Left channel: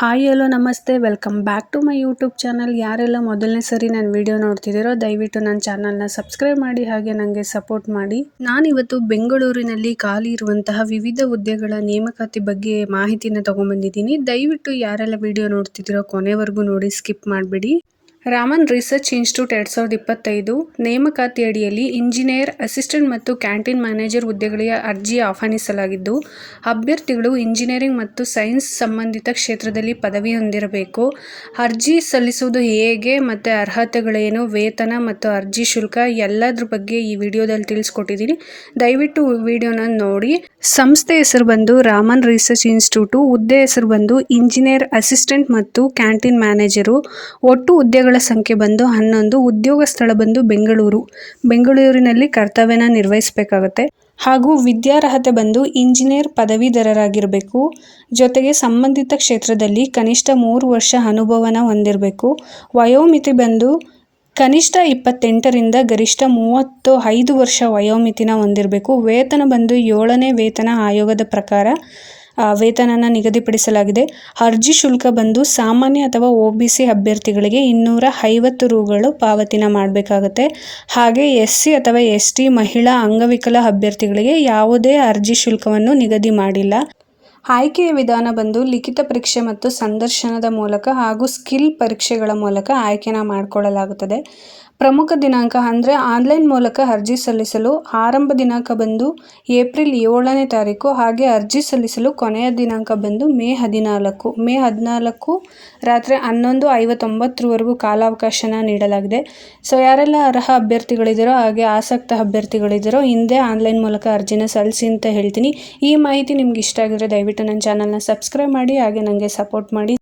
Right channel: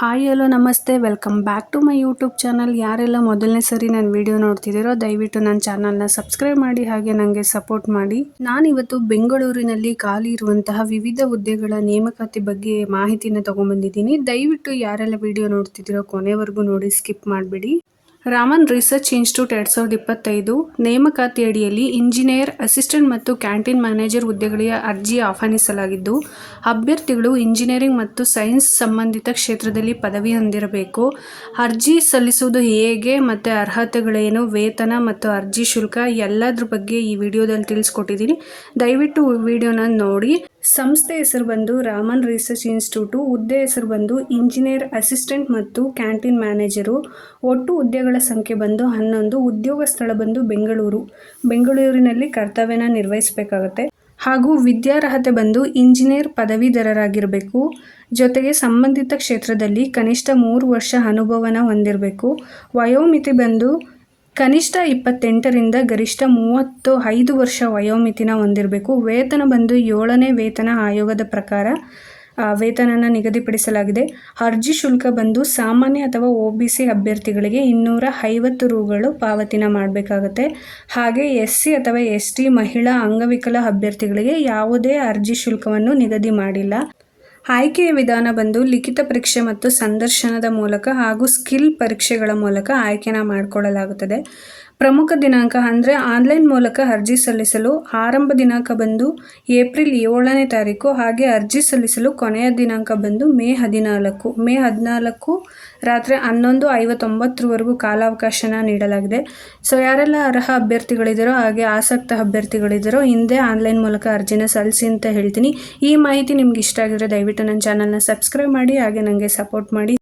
Hi hello ನಮಸ್ತೆ, welcome back to my YouTube channel. ಯಾರೆಲ್ಲ ಮೊದಲನೇ ಸರಿ ನನ್ನ ವಿಡಿಯೋ ನೋಡ್ತಿದ್ದೀರೋ ದಯವಿಟ್ಟು ನನ್ನ ಚಾನಲ್ನ ಸಬ್ಸ್ಕ್ರೈಬ್ ಮಾಡಿ, ಹಾಗೆ ನನಗೆ ಸಪೋರ್ಟ್ ಮಾಡಿ. ನಾನಿವತ್ತು ಬೆಂಗಳೂರಿನಲ್ಲಿ ಖಾಲಿ ಇರುವಂತಹ ವಿವಿಧ ಹುದ್ದೆಗಳ ನೇಮಕಾತಿ ಬಗ್ಗೆ ಮಾಹಿತಿನ ತೊಗೊಂಬಂದಿದ್ದೀನಿ. ದಯವಿಟ್ಟು ಯಾರೆಲ್ಲ ವಿಡಿಯೋ ನೋಡ್ತಿದ್ದೀರೋ ಕೊನೆವರೆಗೂ ನೋಡಿ, ಸ್ಕಿಪ್ ಮಾಡಬೇಡಿ. ರಾಮನ್ ರಿಸರ್ಚ್ ಇನ್ಸ್ಟಿಟ್ಯೂಟ್ 2025 ನೇಮಕಾತಿ ಅಡಿಯಲ್ಲಿ ಇಂಜಿನಿಯರ್, ಅಸಿಸ್ಟೆಂಟ್ ಮತ್ತು ಕ್ಯಾಂಟೀನ್ ಮ್ಯಾನೇಜರ್ ಹುದ್ದೆಗಳಿಗೆ ಅರ್ಜಿ ಆಹ್ವಾನಿಸಲಾಗಿದ್ದು, ಅಭ್ಯರ್ಥಿಗಳು ಇಂಜಿನಿಯರಿಂಗ್ ಮತ್ತು ಸೈನ್ಸ್ ಸಂಬಂಧಿತ ಕ್ಷೇತ್ರದಲ್ಲಿ ಪದವಿ ಹೊಂದಿರಬೇಕು. ಅರ್ಜಿ ಸಲ್ಲಿಸುವುದು ಹೇಗೆ ಮತ್ತು ಅರ್ಹತೆಗಳೇನು, ವೇತನ ಮತ್ತು ಅರ್ಜಿ ಶುಲ್ಕ ಎಲ್ಲದ್ರ ಬಗ್ಗೆ ಈ ವಿಡಿಯೋದಲ್ಲಿ ತಿಳಿಸ್ಕೊಟ್ಟಿದ್ದೀನಿ. ದಯವಿಟ್ಟು ವಿಡಿಯೋನ ನೋಡಿ. ಸಂಸ್ಥೆ ಹೆಸರು ಬಂದು ರಾಮನ್ ರಿಸರ್ಚ್ ಇನ್ಸ್ಟಿಟ್ಯೂಟು, ಹುದ್ದೆ ಹೆಸರು ಬಂದು ಇಂಜಿನಿಯರ್, ಅಸಿಸ್ಟೆಂಟ್ ಮತ್ತು ಕ್ಯಾಂಟೀನ್ ಮ್ಯಾನೇಜರು. ಒಟ್ಟು ಹುದ್ದೆಗಳ ಸಂಖ್ಯೆ ಬಂದು 11. ಉದ್ಯೋಗ ಸ್ಥಳ ಬಂದು ಬೆಂಗಳೂರಿನಲ್ಲಿ ಕರ್ತವ್ಯನ ನಿರ್ವಹಿಸಬೇಕಾಗುತ್ತೆ. ಹಾಗೂ ವಿದ್ಯಾರ್ಹತೆ ಬಂದು ಇಂಜಿನಿಯರ್ ಪದವೀಧರರಾಗಿರಬೇಕು. ಜೊತೆಗೆ ಸಂಬಂಧಿತ ಕ್ಷೇತ್ರದಲ್ಲಿ ಕನಿಷ್ಠ 3 ವರ್ಷ ಅನುಭವನ ಹೊಂದಿರಬೇಕು. ವಯೋಮಿತಿ ಬಂದು ಕನಿಷ್ಠ 28ರಿಂದ ಗರಿಷ್ಠ 35 ವರ್ಷ ವಯೋಮಿತಿನ ಹೊಂದಿರಬೇಕು. ವೇತನ ಬಂದು 7ನೇ ವೇತನ ಆಯೋಗದ ಪ್ರಕಾರ ವೇತನನ ನಿಗದಿಪಡಿಸಲಾಗಿದೆ. ಅರ್ಜಿ ಶುಲ್ಕ ಬಂದು ಸಾಮಾನ್ಯ ಅಥವಾ OBC ಅಭ್ಯರ್ಥಿಗಳಿಗೆ 250 ರೂಗಳು ಪಾವತಿನ ಮಾಡಬೇಕಾಗತ್ತೆ. ಹಾಗೆ SC ಅಥವಾ ST ಮಹಿಳಾ ಅಂಗವಿಕಲ ಅಭ್ಯರ್ಥಿಗಳಿಗೆ ಯಾವುದೇ ಅರ್ಜಿ ಶುಲ್ಕವನ್ನು ನಿಗದಿ ಮಾಡಿಲ್ಲ. ಆಯ್ಕೆಯ ವಿಧಾನ ಬಂದು ಲಿಖಿತ ಪರೀಕ್ಷೆ ಮತ್ತು ಸಂದರ್ಶನದ ಮೂಲಕ ಹಾಗೂ ಸ್ಕಿಲ್ ಪರೀಕ್ಷೆಗಳ ಮೂಲಕ ಆಯ್ಕೆನ ಮಾಡಿಕೊಳ್ಳಲಾಗುತ್ತದೆ. ಪ್ರಮುಖ ದಿನಾಂಕ ಅಂದರೆ ಆನ್ಲೈನ್ ಮೂಲಕ ಅರ್ಜಿ ಸಲ್ಲಿಸಲು ಆರಂಭ ದಿನಾಂಕ ಬಂದು ಏಪ್ರಿಲ್ 7ನೇ ತಾರೀಕು. ಹಾಗೆ ಅರ್ಜಿ ಸಲ್ಲಿಸಲು ಕೊನೆಯ ದಿನಾಂಕ ಬಂದು ಮೇ 14 ರಾತ್ರಿ 11:59ವರೆಗೂ ಕಾಲಾವಕಾಶನ ನೀಡಲಾಗಿದೆ. ಸೊ ಯಾರೆಲ್ಲ ಅರ್ಹ ಅಭ್ಯರ್ಥಿಗಳಿದ್ದೀರೋ ಹಾಗೆ ಆಸಕ್ತ ಅಭ್ಯರ್ಥಿಗಳಿದ್ದೀರೋ ಹಿಂದೆ ಆನ್ಲೈನ್ ಮೂಲಕ ಅರ್ಜಿನ ಸಲ್ಲಿಸಿ ಅಂತ ಹೇಳ್ತೀನಿ. ಈ ಮಾಹಿತಿ ನಿಮ್ಗೆ ಇಷ್ಟ ಆಗಿದ್ರೆ ದಯವಿಟ್ಟು ನನ್ನ ಚಾನಲ್ನ ಸಬ್ಸ್ಕ್ರೈಬ್ ಮಾಡಿ, ಹಾಗೆ ನನಗೆ ಸಪೋರ್ಟ್ ಮಾಡಿ.